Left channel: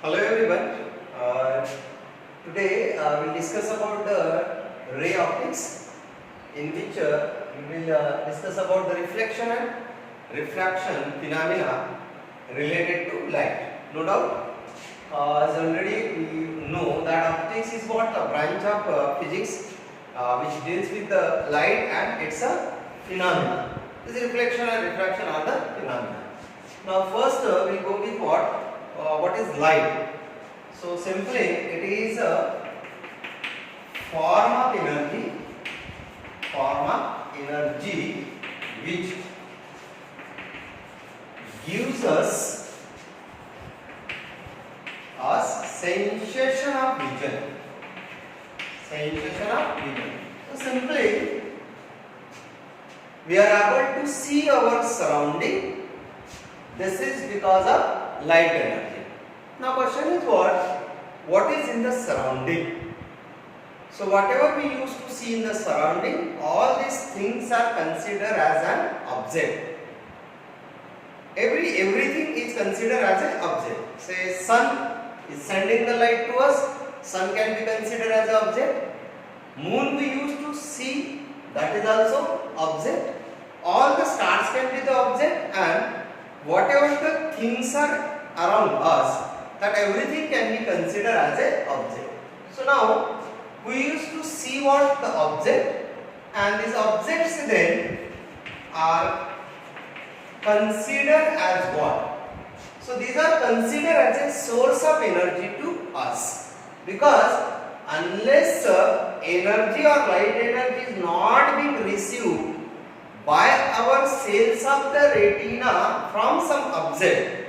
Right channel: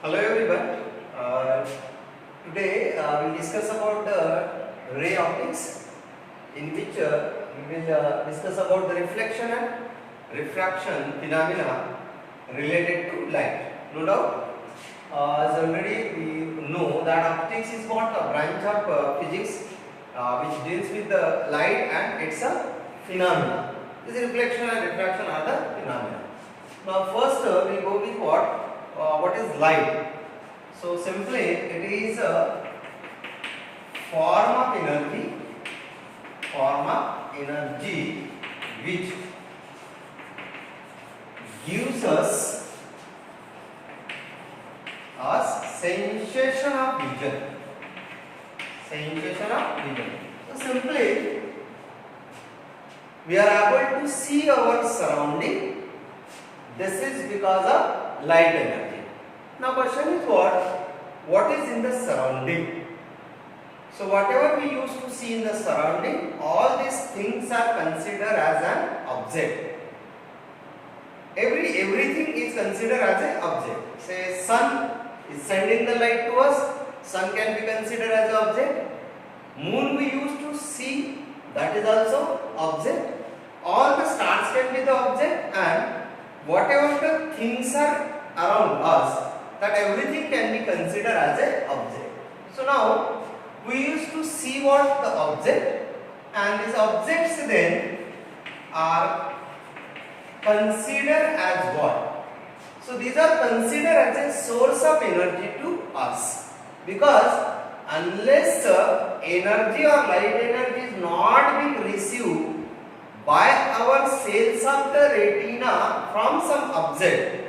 Hello everyone. Today we'll discuss about the ray optics, in which we will discuss about the reflection and refraction phenomena related to light. No doubt, as already we know that optics is what a branch of physics which deals with the light and its phenomena. This reflection and refraction are the phenomena. Now first we'll go with what is light. So simply it is a form of energy which gives us a sensation of vision. So simply we are able to see our surrounding. This is because of light energy. Now question is what is in the surrounding? So whatever we used to see in the surrounding, all these things are considered as an object. Everything is considered as an object. Say sun is sending the light to us, sun can be considered as an object. Moon we used to see, that is also object. All the stars can be the object, and whatever the things are around us, that everything can be considered as an object. So now we used to see what the object, and these objects then are considered as what? So these are considered as a source of energy to us, because unless energy or light energy is not being received by our cells of the retina from some object,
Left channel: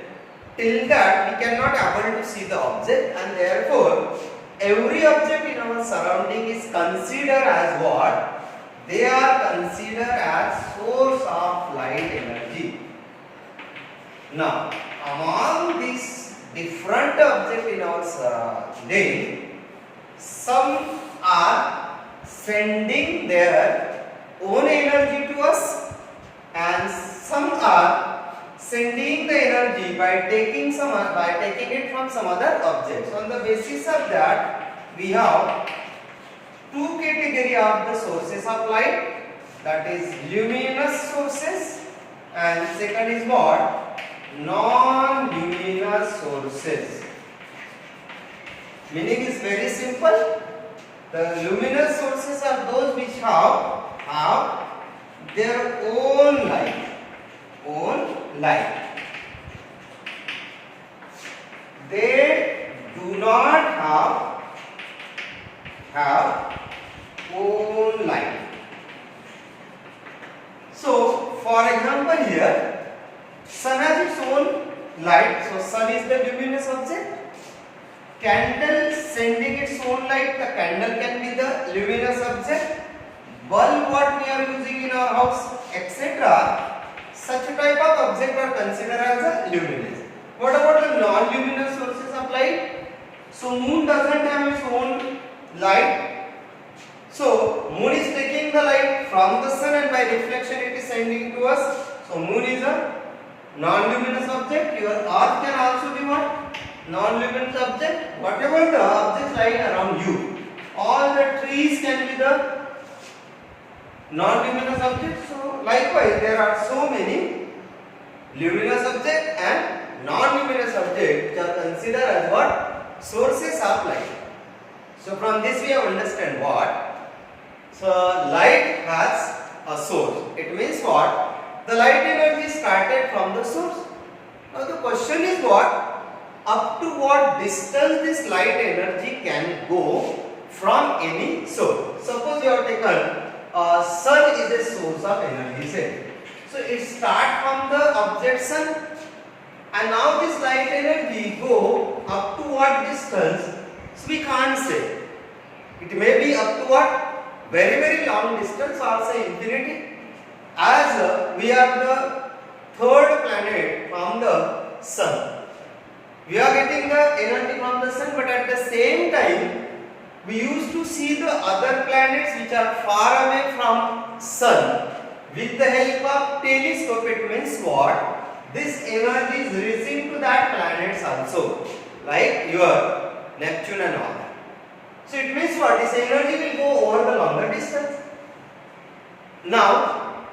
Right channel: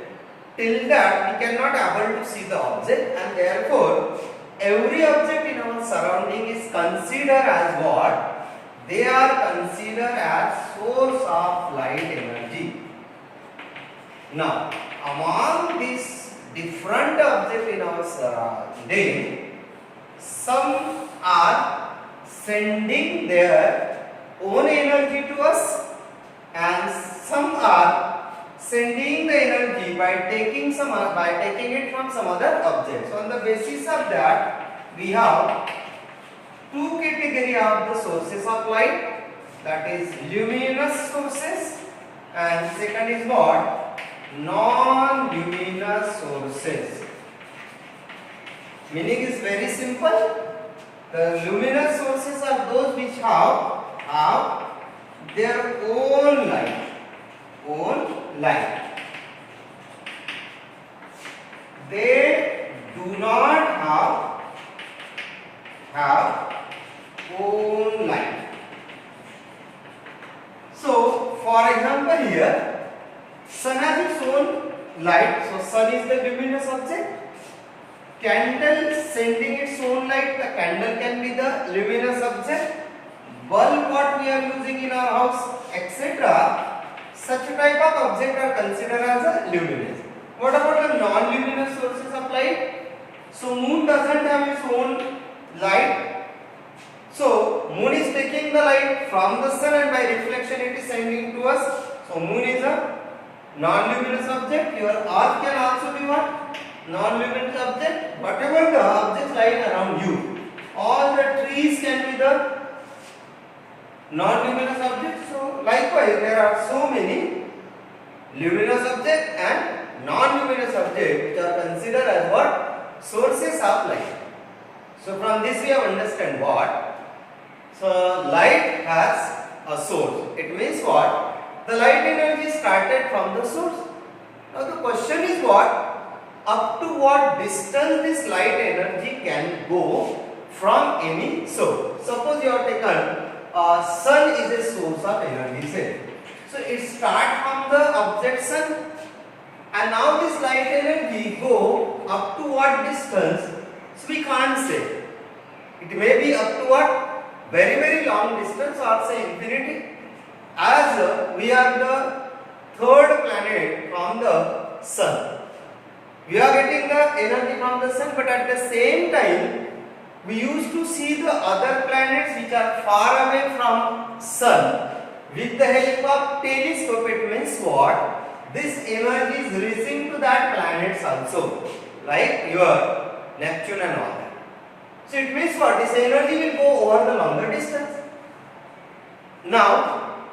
till that we cannot able to see the object, and therefore every object in our surrounding is considered as what? They are considered as source of light energy. Now among these different objects in our surrounding, some are sending their own energy to us, and some are sending the energy by taking it from some other object. So on the basis of that, we have two category of the sources of light, that is luminous sources, and second is what? Non-luminous sources. Meaning is very simple. The luminous sources are those which have their own light. They do not have own light. So for example here, sun has its own light. So sun is the luminous object. Candle sending its own light. The candle can be the luminous object. Bulb what we are using in our house, etc. Such type of object are considered as a luminous. What about the non-luminous sources of light? So moon doesn't have its own light. So moon is taking the light from the sun, and by reflection it is sending to us. So moon is a non-luminous object. Your earth can also be what? Non-luminous object. Whatever the objects lying around you, all the trees can be the non-luminous objects. So likewise there are so many luminous objects and non-luminous objects which are considered as what? Sources of light. So from this we have understand what? So light has a source. It means what? The light energy started from the source. Now the question is what? Up to what distance this light energy can go from any source. Suppose you have taken sun is a source of energy, say. So it starts from the object sun, and now this light energy go up to what distance? So we can't say. It may be up to what? Very long distance, or say infinity. As we are the third planet from the sun, we are getting the energy from the sun, but at the same time we used to see the other planets which are far away from sun with the help of telescope. It means what? This energy is reaching to that planets also. like your Neptune and all that. So it means what? This energy will go over the longer distance. Now,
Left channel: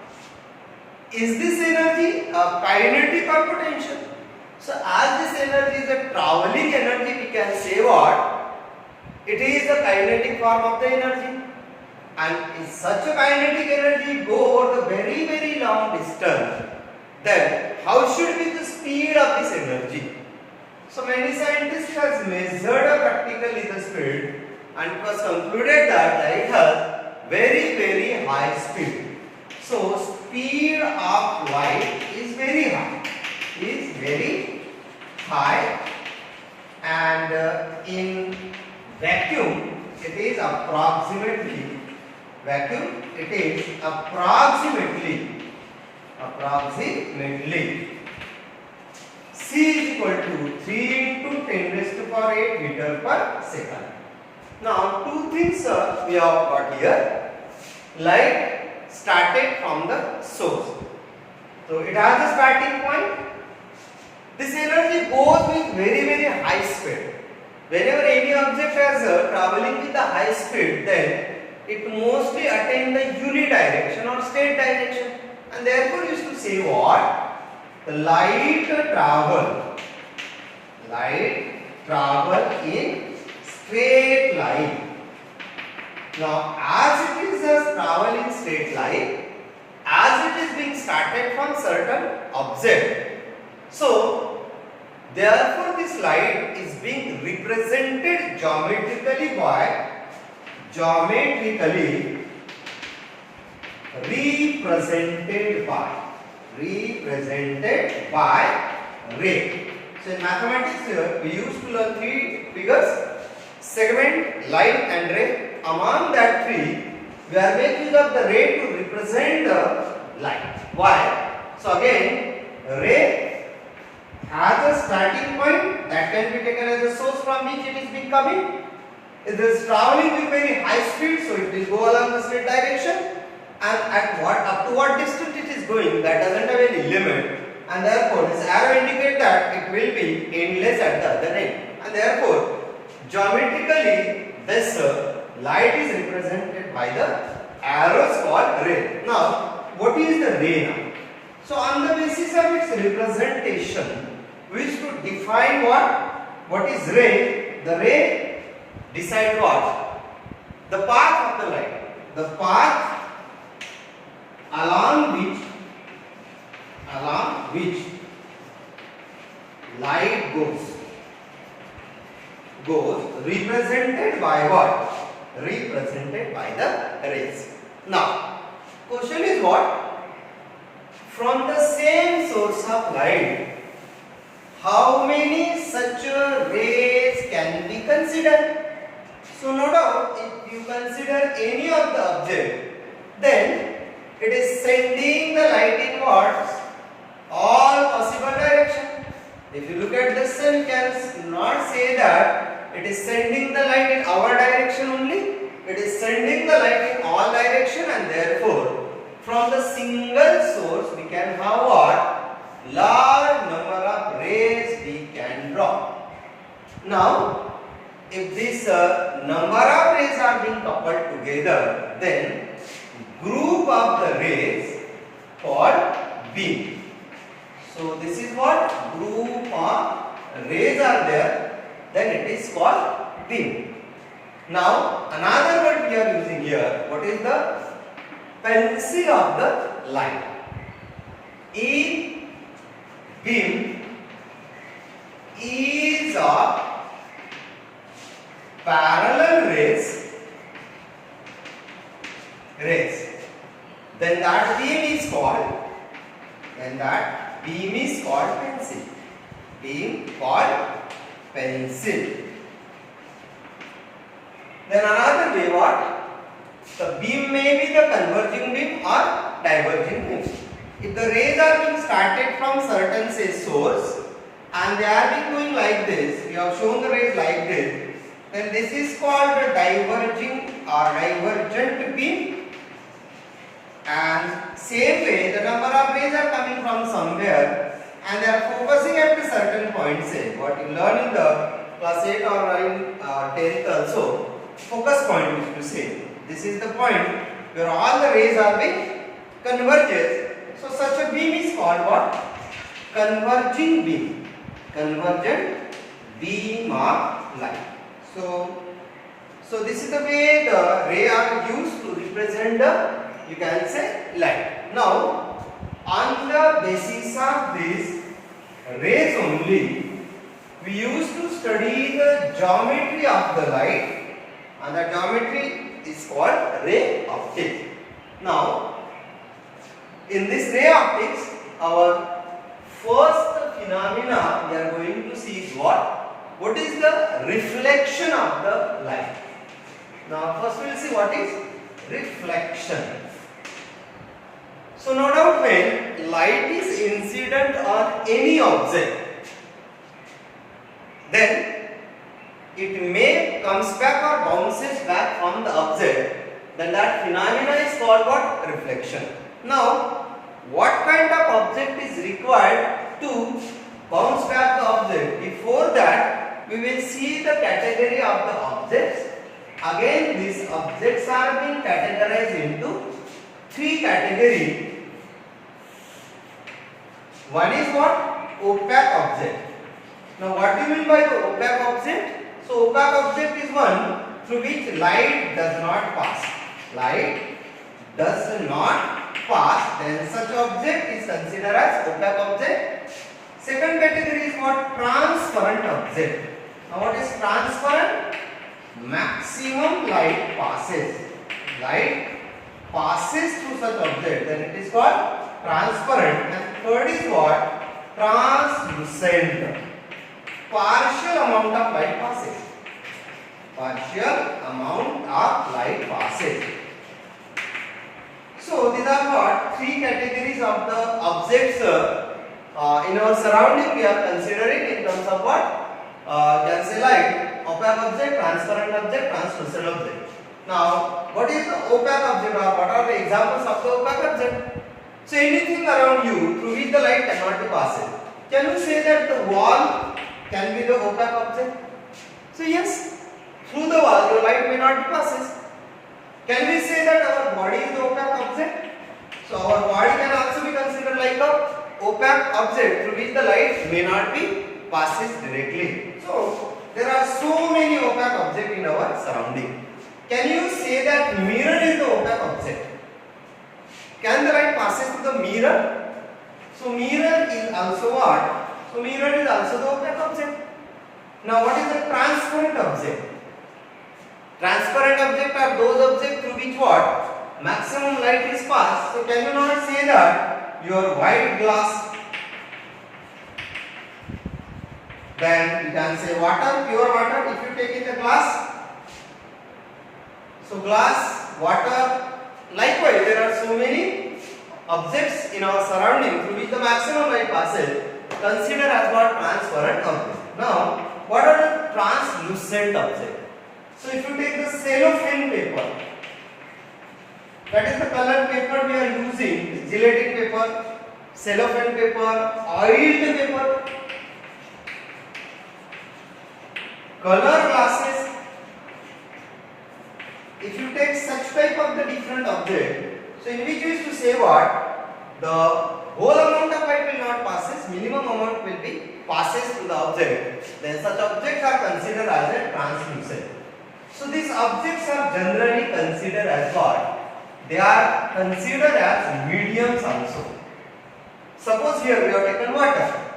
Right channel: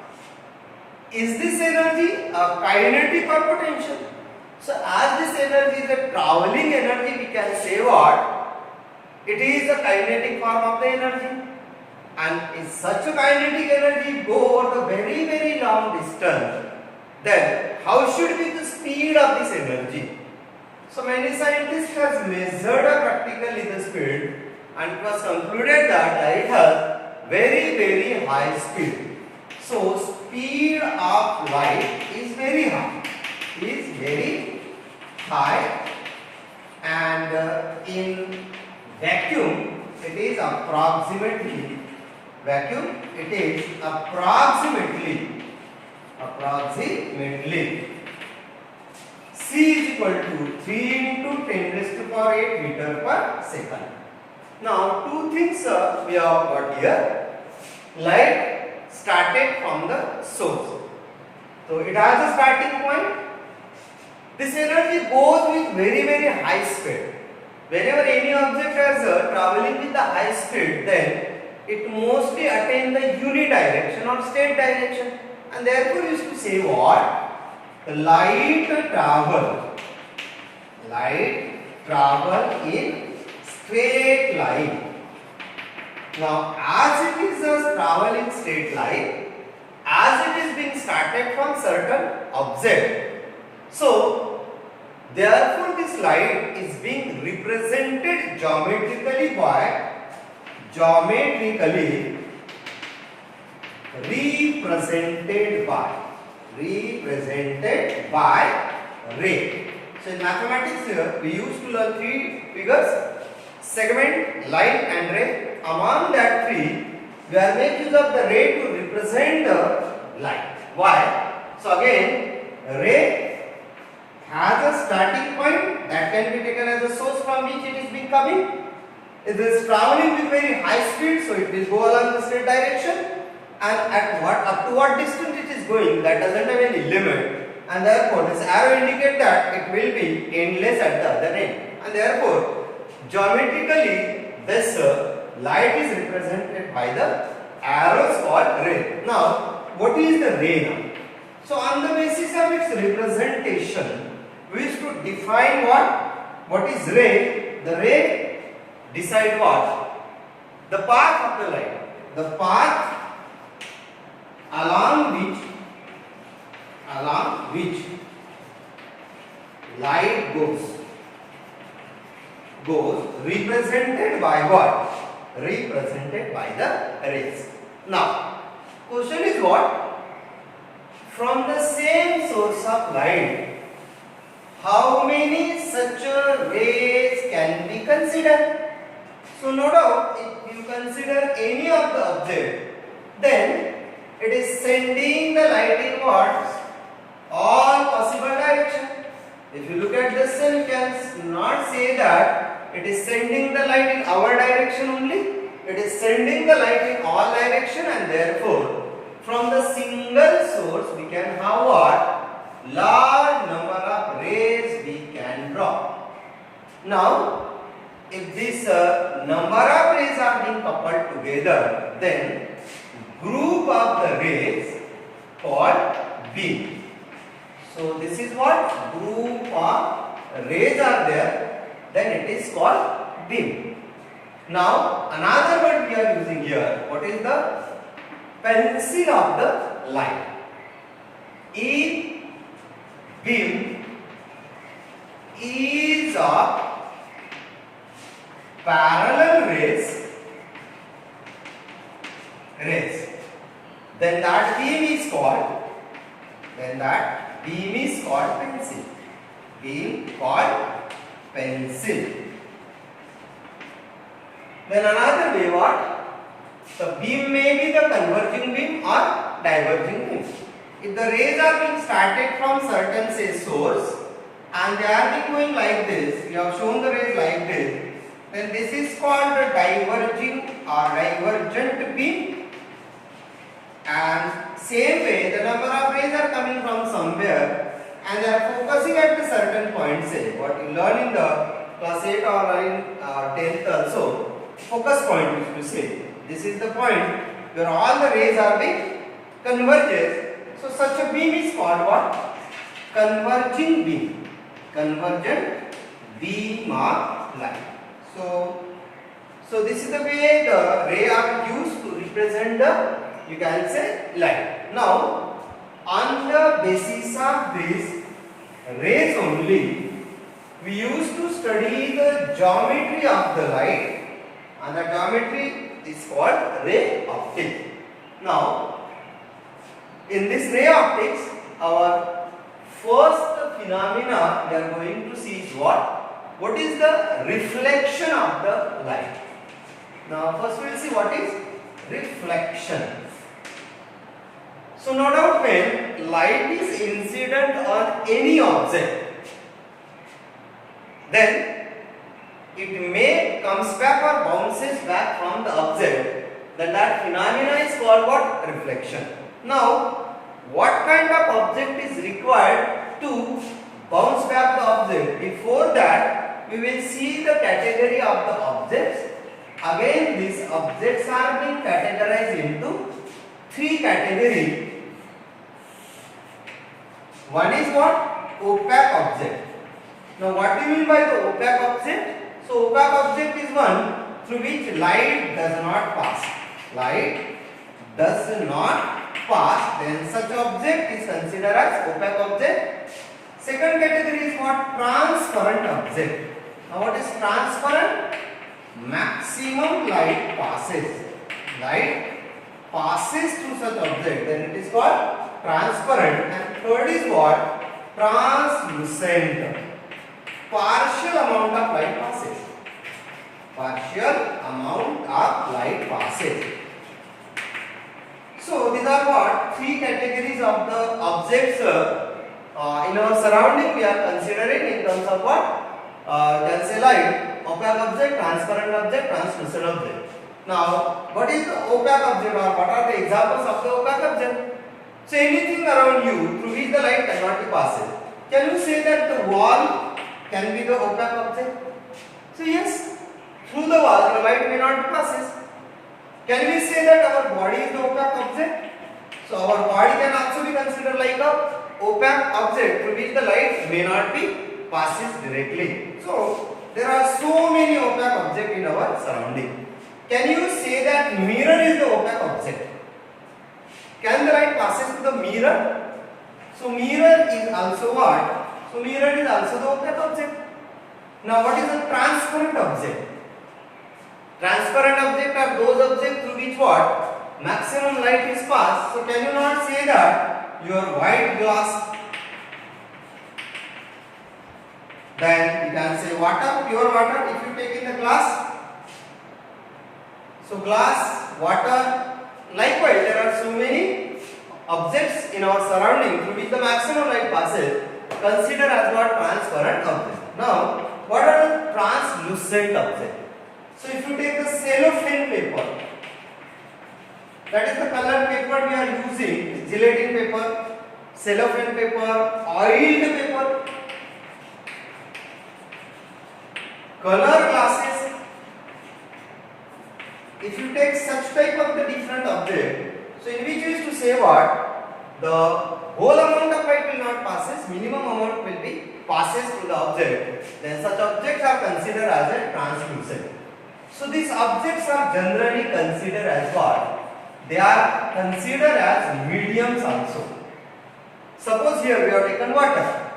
is this energy a kinetic or potential? So as this energy is a traveling energy, we can say what? It is a kinetic form of the energy. And if such a kinetic energy go over the very long distance, then how should be the speed of this energy? So many scientists has measured practically the speed, and it was concluded that light has very high speed. So speed of light is very high, and in vacuum it is approximately C is equal to 3 into 10 raised to power 8 meter per second. Now two things we have got here. Light started from the source. So it has a starting point. This energy goes with very high speed. Whenever any object is traveling with a high speed, then it mostly attains the unidirection or straight direction, and therefore used to say what? The light travel in straight line. Now as it is a traveling straight line, as it is being started from certain object, so therefore this light is being represented geometrically by represented by ray. So in mathematics here we used to learn three figures: segment, line and ray. Among that three, we are making use of the ray to represent the light. Why? So again, ray has a starting point that can be taken as a source from which it is being coming. It is traveling with very high speed, so it will go along the straight direction. And up to what distance it is going, that doesn't have any limit, and therefore this arrow indicates that it will be endless at the other end, and therefore geometrically this light is represented by the arrows called ray. Now what is the ray now? So on the basis of its representation, we used to define what is ray. The ray decide what? The path of the light, the path along which light goes represented by what? Represented by the rays. Now question is what? From the same source of light, how many such rays can be considered? So no doubt, if you consider any of the object, then it is sending the light in what? All possible direction. If you look at the sun, you cannot say that it is sending the light in our direction only. It is sending the light in all direction, and therefore from the single source we can have what? Large number of rays we can draw. Now if this number of rays are being coupled together, then group of the rays called beam. So this is what? Group of rays are there, then it is called beam. Now another word we are using here, what is the pencil of the light? If beam is of parallel rays, then that beam is called pencil. Beam called pencil. Then another way, what? The beam may be the converging beam or diverging beam. If the rays are being started from certain say source and they are being going like this, we have shown the rays like this, then this is called a diverging or divergent beam. And same way, the number of rays are coming from somewhere and they are focusing at a certain point. Say what you learn in the class 8 or in 10th also, focus point which we say. This is the point where all the rays are being converges. So such a beam is called what? Converging beam. Convergent beam of light. So this is the way the ray are used to represent the, you can say, light. Now on the basis of this rays only, we used to study the geometry of the light, and the geometry is called ray optics. Now in this ray optics, our first phenomena we are going to see is what is the reflection of the light. Now first we will see what is reflection. So no doubt when light is incident on any object, then it may comes back or bounces back from the object, then that phenomena is called what? Reflection. Now what kind of object is required to bounce back the object? Before that we will see the category of the objects. Again these objects are being categorized into three categories. One is what? Opaque object. Now what do you mean by the opaque object? So opaque object is one through which light does not pass. Light does not pass, then such object is considered as opaque object. Second category is what? Transparent object. Now what is transparent? Maximum light passes. Light passes through such object, then it is called transparent. And third is what? Translucent. Partial amount of light passes. Partial amount of light passes. So these are what? Three categories of the objects in our surrounding we are considering in terms of what? Can say light. Opaque object, transparent object, translucent object. Now what is the opaque object, or what are the examples of the opaque object? So anything around you through which the light cannot be passed. Can we say that the wall can be the opaque object? So yes, through the wall the light may not be passes. Can we say that our body is the opaque object? So our body can also be considered like a opaque object through which the light may not be passes directly. So there are so many opaque objects in our surrounding. Can you say that mirror is the opaque object? Can the light passes through the mirror? So mirror is also what? So mirror is also the opaque object. Now what is the transparent object? Transparent object are those objects through which what? Maximum light is passed. So can you not say that your white glass, then you can say water, pure water, if you take in the glass. So glass, water, likewise there are so many objects in our surrounding through which the maximum light passes, consider as what? Transparent object. Now what are the translucent objects? So if you take the cellophane paper, that is the colored paper we are using, gelatin paper, cellophane paper, oiled paper, color glasses. If you take such type of the different object, so in which you used to say what? The whole amount of light will not passes, minimum amount will be passes through the object. Then such objects are considered as a translucent. So these objects are generally considered as what? They are considered as mediums also. Suppose here we have taken water.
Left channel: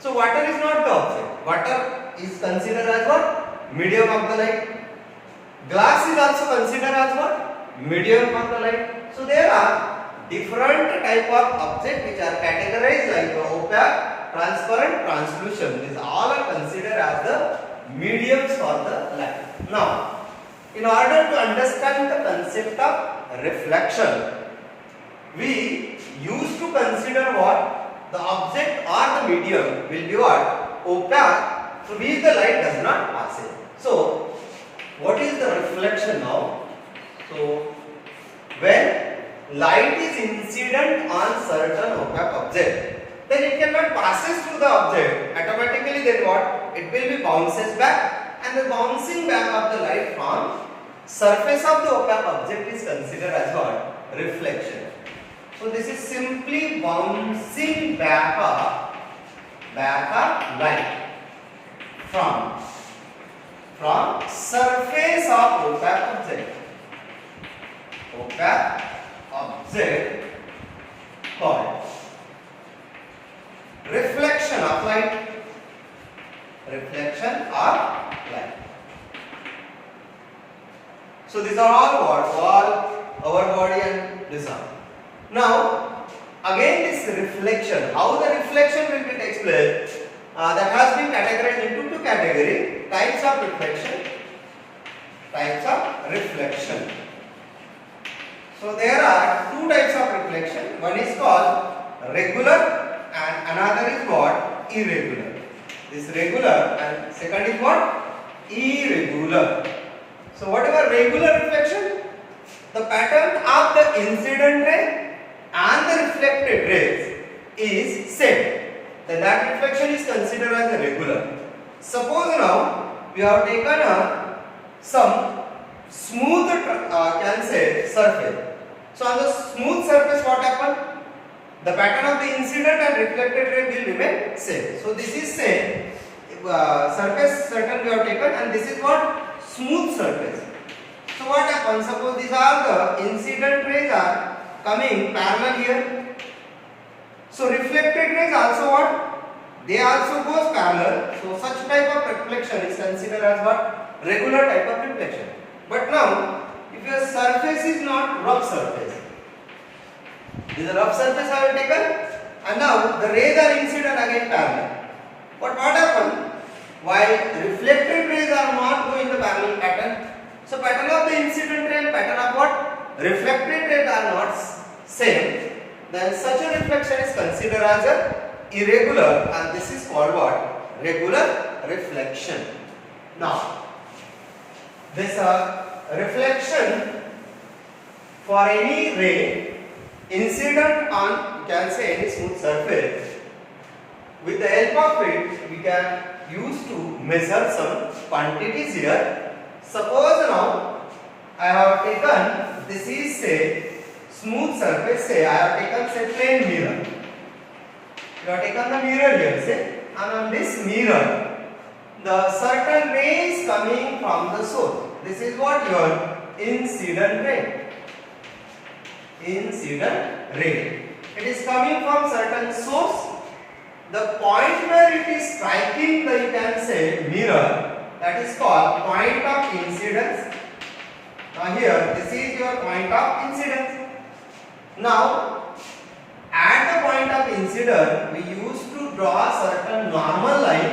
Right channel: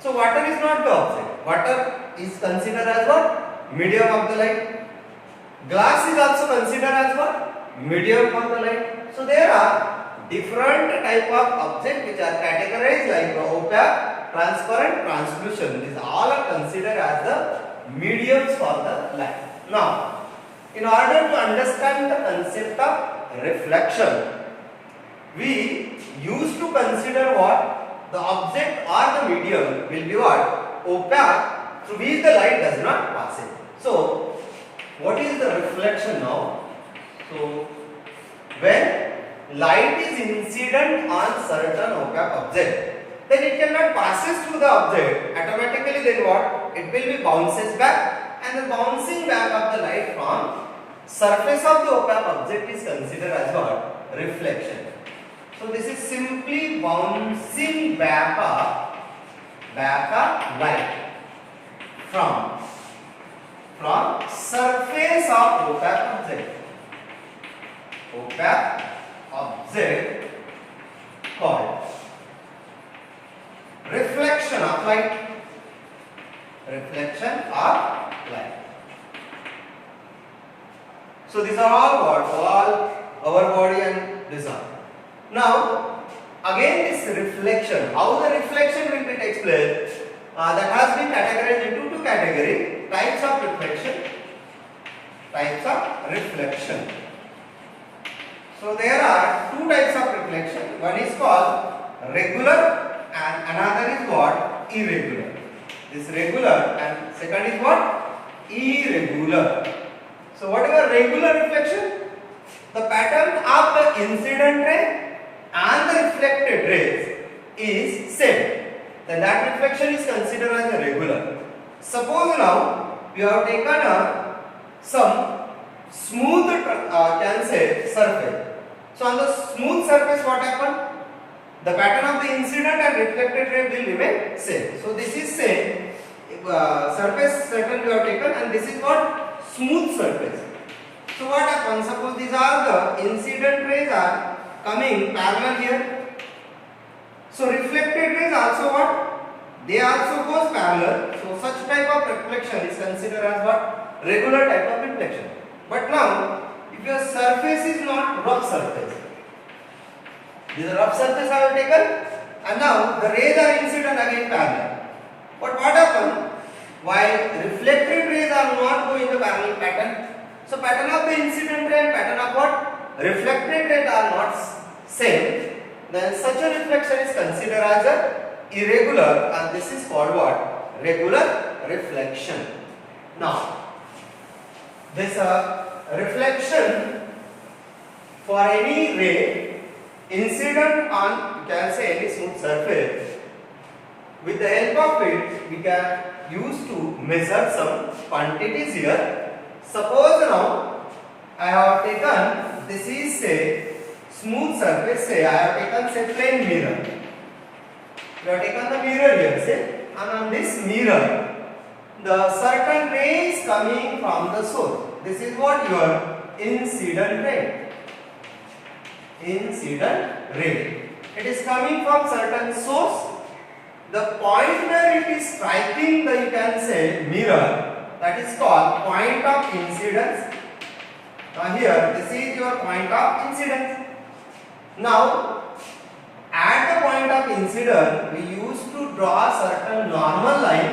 So water is not the object. Water is considered as what? Medium of the light. Glass is also considered as what? Medium of the light. So there are different type of objects which are categorized like opaque, transparent, translucent. These all are considered as the mediums for the light. Now, in order to understand the concept of reflection, we used to consider what? The object or the medium will be what? Opaque, through which the light does not pass it. So, what is the reflection now? So, when light is incident on certain opaque object, then it cannot passes through the object. Automatically then what? It will be bounces back, and the bouncing back of the light from surface of the opaque object is considered as what? Reflection. So this is simply bouncing back of light from surface of opaque object called reflection of light. So these are all our body and this are. Now again this reflection, how the reflection will be takes place, that has been categorized into two categories: types of reflection. So there are two types of reflection. One is called regular and another is what? Irregular. This regular and second is what? Irregular. So what is a regular reflection? The pattern of the incident ray and the reflected rays is same. Then that reflection is considered as a regular. Suppose now we have taken some smooth surface. So on the smooth surface what happened? The pattern of the incident and reflected ray will remain same. So this is same surface certain we have taken, and this is what? Smooth surface. So what happens? Suppose these are the incident rays are coming parallel here. So reflected rays also what? They also goes parallel. So such type of reflection is considered as what? Regular type of reflection. But now if your surface is not rough surface, this is a rough surface I have taken, and now the rays are incident again parallel. But what happened? While reflected rays are not going in the parallel pattern, so pattern of the incident ray and pattern of what? Reflected rays are not same, then such a reflection is considered as a irregular, and this is called what? Regular reflection. Now this reflection for any ray incident on, you can say, any smooth surface, with the help of it we can use to measure some quantities here. Suppose now I have taken, this is say smooth surface, say I have taken say plain mirror. You have taken the mirror here, say, and on this mirror the certain ray is coming from the source. This is what your incident ray. It is coming from certain source. The point where it is striking the, you can say, mirror, that is called point of incidence. Now here this is your point of incidence. Now at the point of incidence we used to draw a certain normal line.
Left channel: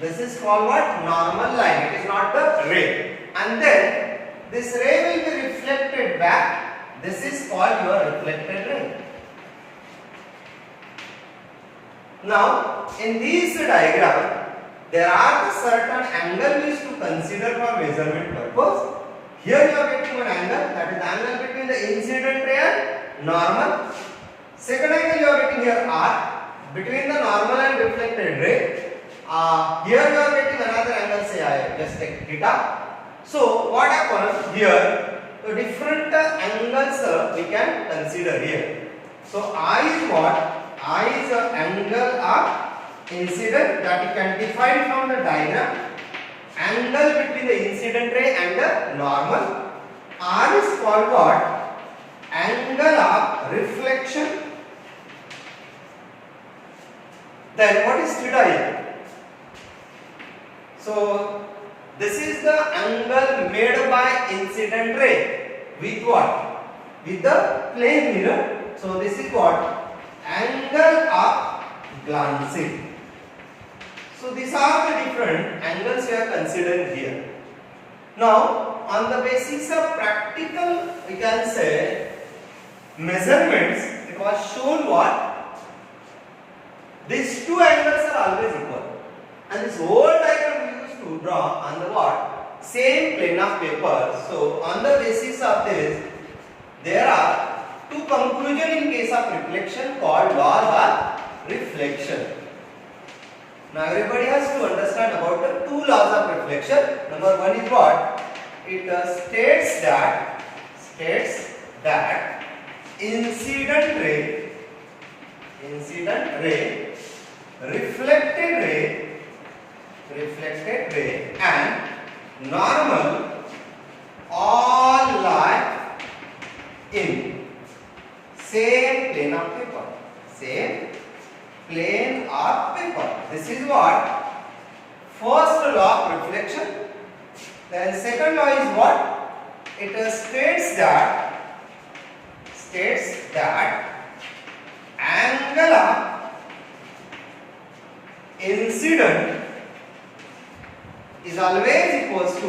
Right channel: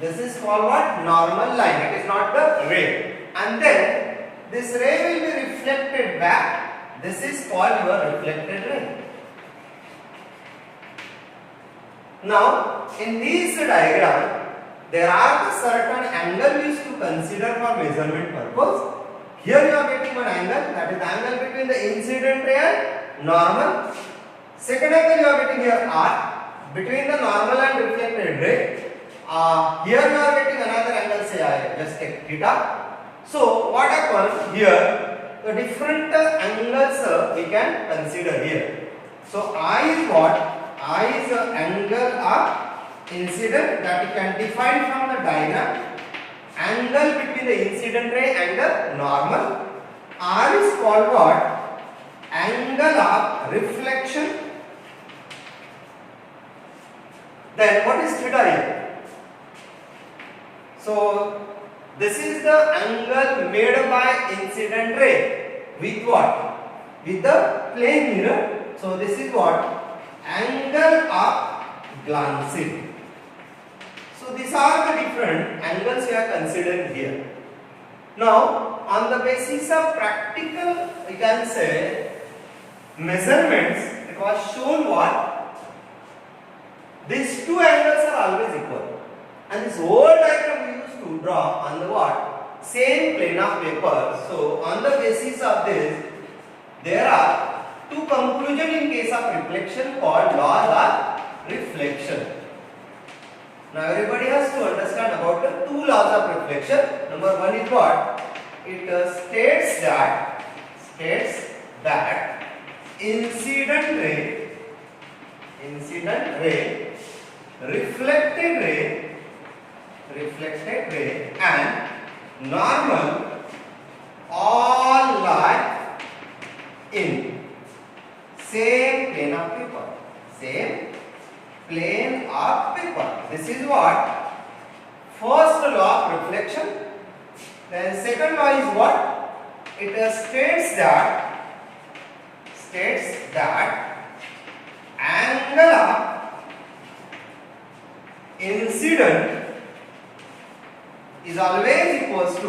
This is called what? Normal line. It is not the ray. And then this ray will be reflected back. This is called your reflected ray. Now in this diagram there are the certain angle we used to consider for measurement purpose. Here you are getting one angle, that is the angle between the incident ray and normal. Second angle you are getting here R, between the normal and reflected ray. Here you are getting another angle, say I just take theta. So what happens here? The different angles we can consider here. So I is what? I is the angle of incident that you can define from the diagram. Angle between the incident ray and the normal. R is called what? Angle of reflection. Then what is theta here? So this is the angle made by incident ray with what? With the plane mirror. So this is what? Angle of glancing. So these are the different angles we are considering here. Now on the basis of practical, we can say, measurements, it was shown what? These two angles are always equal. And this whole diagram we used to draw on the what? Same plane of paper. So on the basis of this, there are two conclusions in case of reflection called laws are reflection. Now everybody has to understand about the two laws of reflection. Number one is what? It states that incident ray, reflected ray and normal all lie in same plane of paper. This is what? First law of reflection. Then second law is what? It states that angle of incident is always equals to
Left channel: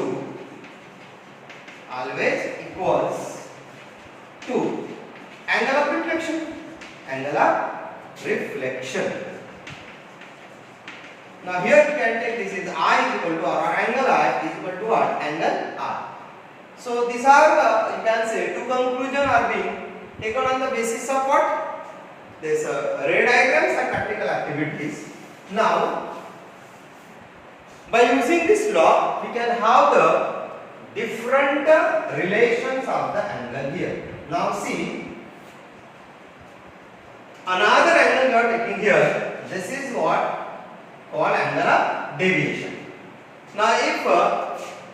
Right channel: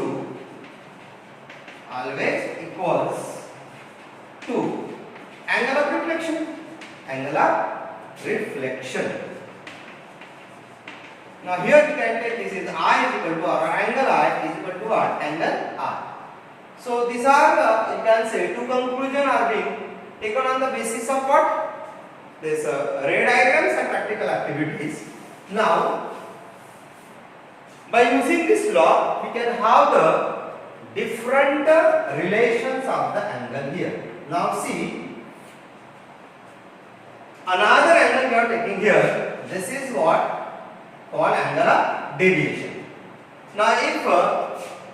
angle of reflection. Now here we can take this is I is equal to R, or angle I is equal to what? Angle R. So these are the, you can say, two conclusions are being taken on the basis of what? This ray diagrams and practical activities. Now by using this law we can have the different relations of the angle here. Now see, another angle we are taking here. This is what called angle of deviation. Now if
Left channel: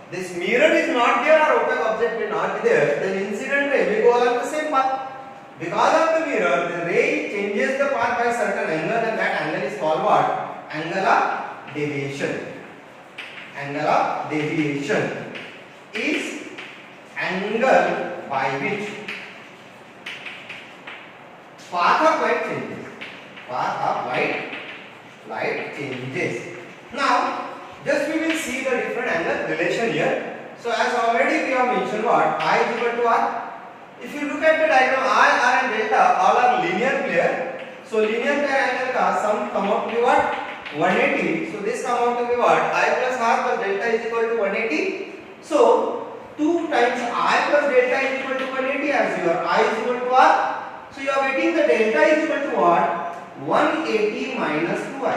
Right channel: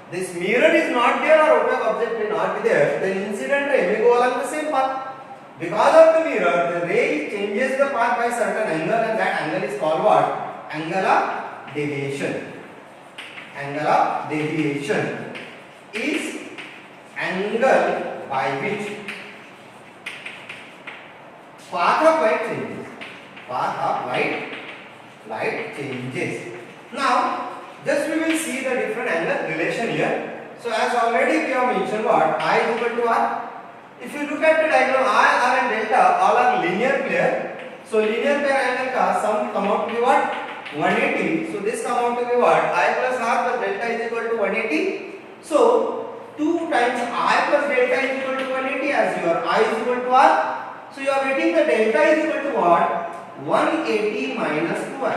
this mirror is not there or opaque object may not be there, then incident ray may go along the same path. Because of the mirror, the ray changes the path by a certain angle, and that angle is called what? Angle of deviation. Angle of deviation is angle by which path of light changes. Now just we will see the different angle relation here. So as already we have mentioned what? I is equal to R. If you look at the diagram, I, R and delta all are linear pair. So linear pair angle ka sum come out to be what? 180. So this come out to be what? I plus R plus delta is equal to 180. So 2 times I plus delta is equal to 180 as your I is equal to R. So you are getting the delta is equal to what? 180 minus 2i.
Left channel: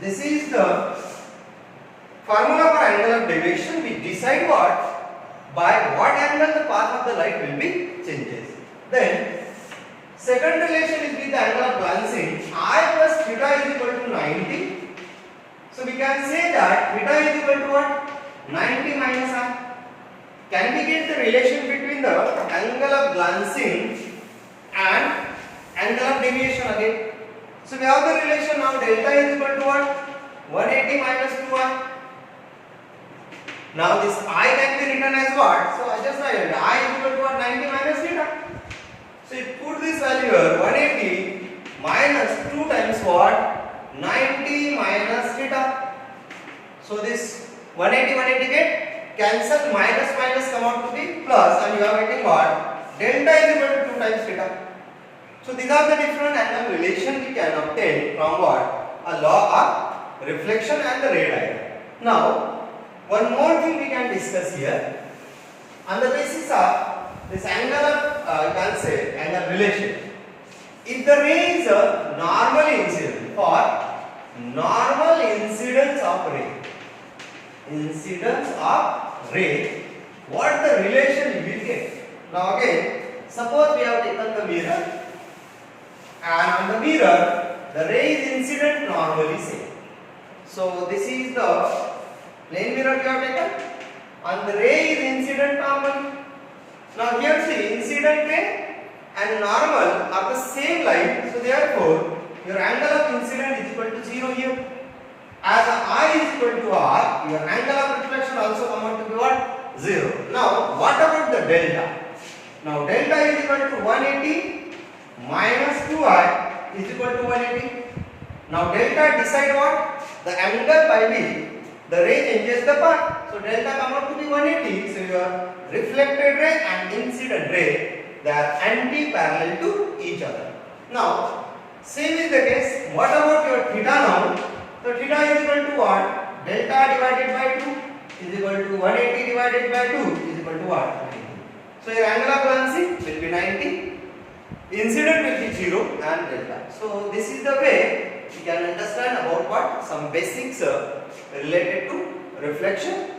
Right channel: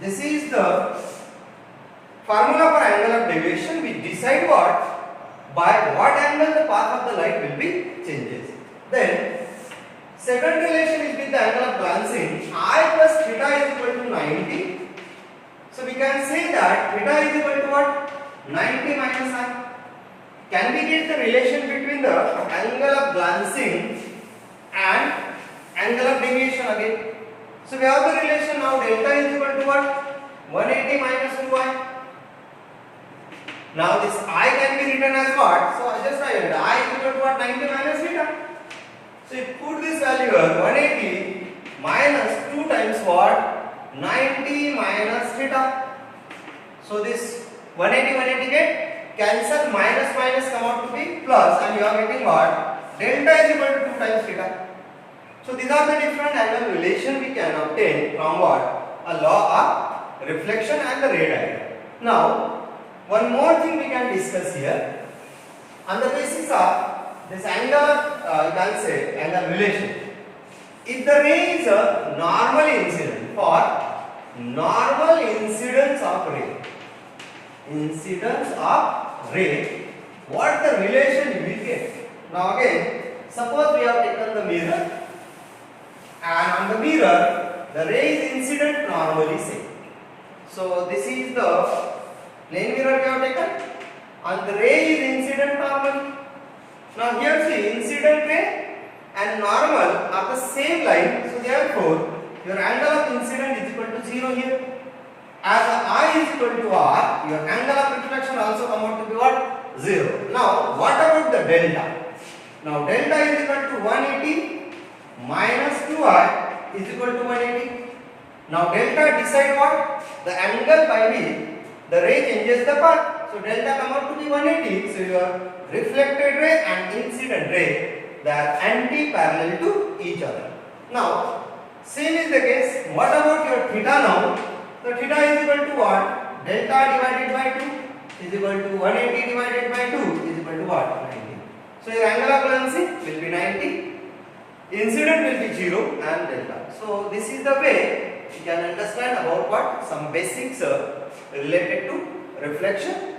This is the formula for angle of deviation. We decide what? By what angle the path of the light will be changes. Then second relation is with the angle of glancing. I plus theta is equal to 90. So we can say that theta is equal to what? 90 minus r. Can we get the relation between the angle of glancing and angle of deviation again? So we have the relation now. Delta is equal to what? 180 minus 2i. Now this I can be written as what? So I just write I is equal to what? 90 minus theta. So you put this value here, 180 minus 2 times what? 90 minus theta. So this 180 get cancelled, minus come out to be plus, and you are getting what? Delta is equal to 2 times theta. So these are the different angle relation we can obtain from what? A law of reflection and the ray diagram. Now one more thing we can discuss here. On the basis of this angle of you can say angle relation. If the ray is a normal incident, for normal incidence of ray, what the relation you will get? Now again, suppose we have taken the mirror, and on the mirror the ray is incident normally same. So this is the plane mirror we have taken, and the ray is incident normally. Now here see, incident ray and normal are the same line, so therefore your angle of incident is equal to 0 here. As I is equal to R, your angle of reflection also come out to be what? 0. Now what about the delta? Now delta is equal to 180 minus 2i is equal to 180. Now delta decide what? The angle by which the ray changes the path. So delta come out to be 180. So your reflected ray and incident ray, they are anti-parallel to each other. Now same is the case. What about your theta now? So theta is equal to what? Delta divided by 2 is equal to 180 divided by 2 is equal to what? 90. So your angle of balancing will be 90. incident will be 0 and delta. So this is the way you can understand about what some basics related to reflection.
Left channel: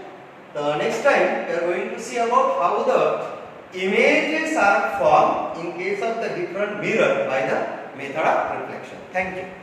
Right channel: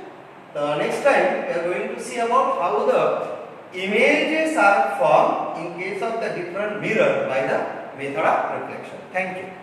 The next time we are going to see about how the images are formed in case of the different mirror by the method of reflection. Thank you.